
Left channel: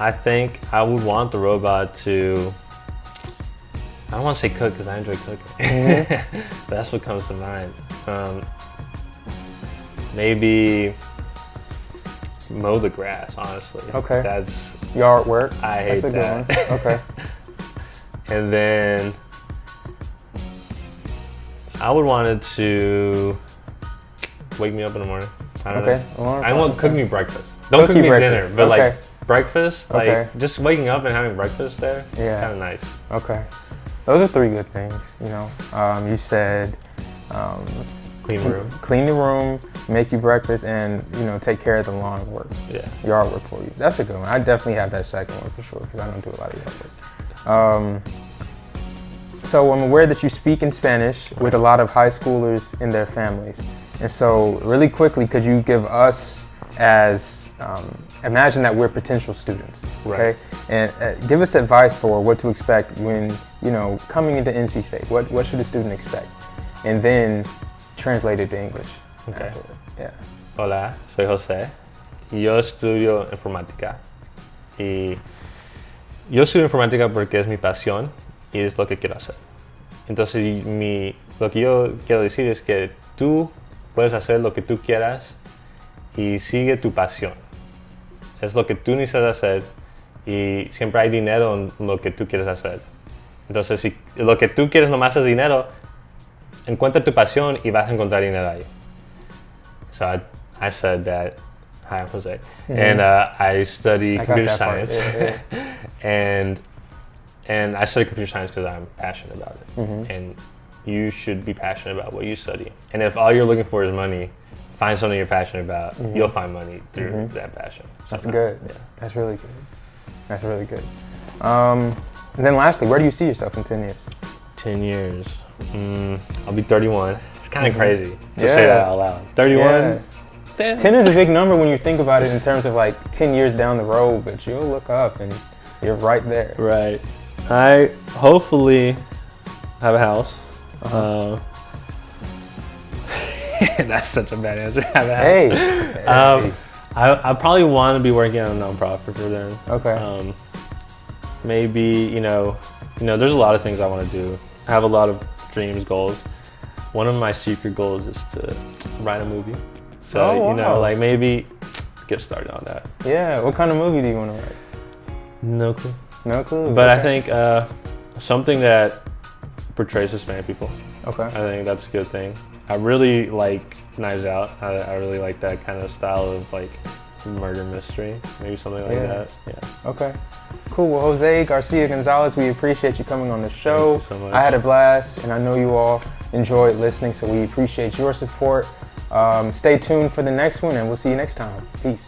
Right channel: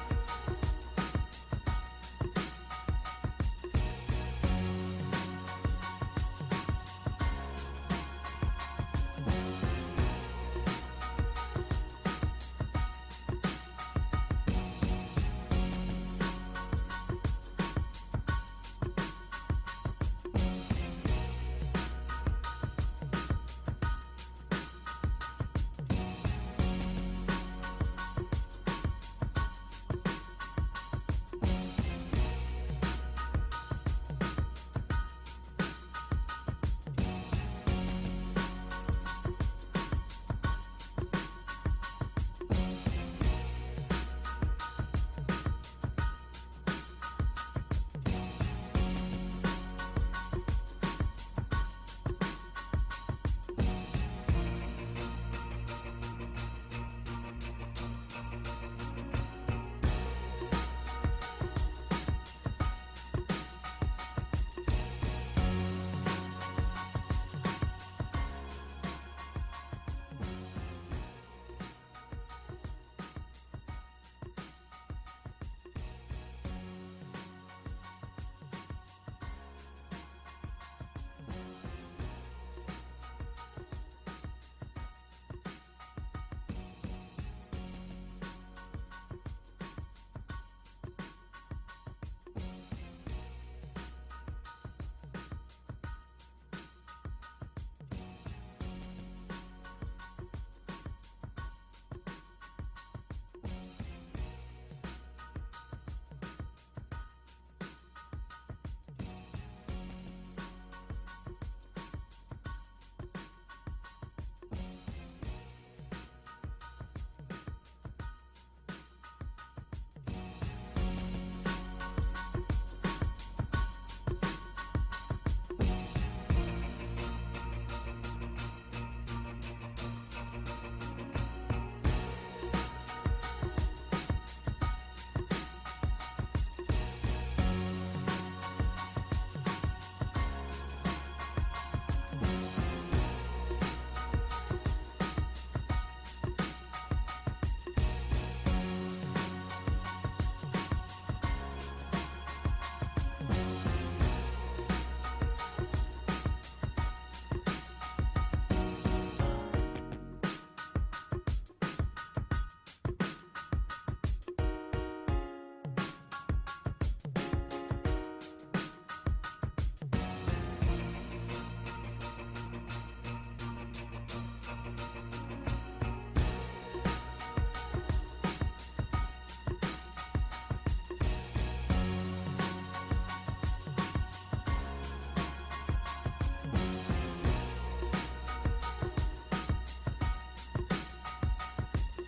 I think I would want the robot to, I don't want to say cook because I enjoy cooking. Mm-hmm. That's what comes to mind. Maybe mow the grass, honestly. Okay. That's, Yard work. I hate That's a that. good one. Okay. And then I would want it to wake me up in the morning. I don't Okay. know. I want cook me breakfast. Don't cook you me breakfast. dinner, but Okay. like breakfast, like Okay. just waking up and having breakfast there. Yeah. Kind of nice. Okay. Those are 3 good things, you know. You said Clean room. clean the room, make you breakfast, and, you know, take care of the lawn work, Yeah. yard work for you. That's a good one. I definitely have that second one for sure, because I don't do a lot of yard work. So I'm aware that you speak in Spanish with a lot of high schoolers and their families. And so really quickly, could you give us as, imagine that we're potential students, okay? Right. And give us advice for what to expect when, you know, coming into NC State. What should a student expect? And then translate it to English. Okay. Yeah. Hola, soy José. Yo estudio informática. Y yo estudio informática porque es mi pasión y es lo que quiero hacer. Entonces, lo que yo quiero decir es que tú puedes hacer lo que tú quieras y sigue tu pasión. Es lo que tú necesitas hacer y siempre hay dinero en lo que tú quieres hacer. Entonces, si lo que tú quieres nomás es dinero, encuentra tu pasión y vas a encontrar dinero ahí. So I said that. Hi, I'm Jose. Mm-hmm. And I study I got computer that part. science. Yeah. and I study computer science because I'm passionate about it. Mm-hmm. And you should be passionate about what you study. And if all you're looking for is money, find something you're passionate about. Mm-hmm. You'll find money through Mm-hmm. that passion. That's So, good. Yeah. That's really good. That's really good. And then lastly, where do you see yourself in 10 years? 10 years. I'll be 31. It's kind of Mhm. crazy to say that out loud. 31? Yeah. Damn. 10 is a big number when you think about it in terms of like 10 years down the road, but you'll look up and you're right there. Right. I hopefully have a house. That's such a bad answer. Have a house. Hey. I probably want to be working on a nonprofit for them. Okay. Maybe, you know, there's a lot of things I want to do. I have a lot of dreams, goals. One of my secret goals is to write a movie. So, Oh, you know, wow. like maybe get started on that. Yeah. What kind of movie do you want to write? No clue. No clue. But I Okay. think something that portrays Hispanic people. Okay. I think that's a good thing. I really like Knives Out. I really like that kind of style of like murder mystery, maybe something like Yeah. that. Yeah. Okay. Cool. Well, Jose Garcia Gonzalez, we appreciate you coming on the show. Thank you so much. I had a blast, and I know you all enjoyed listening, so we appreciate your support. Stay tuned for the next one, and we'll see you next time. Peace.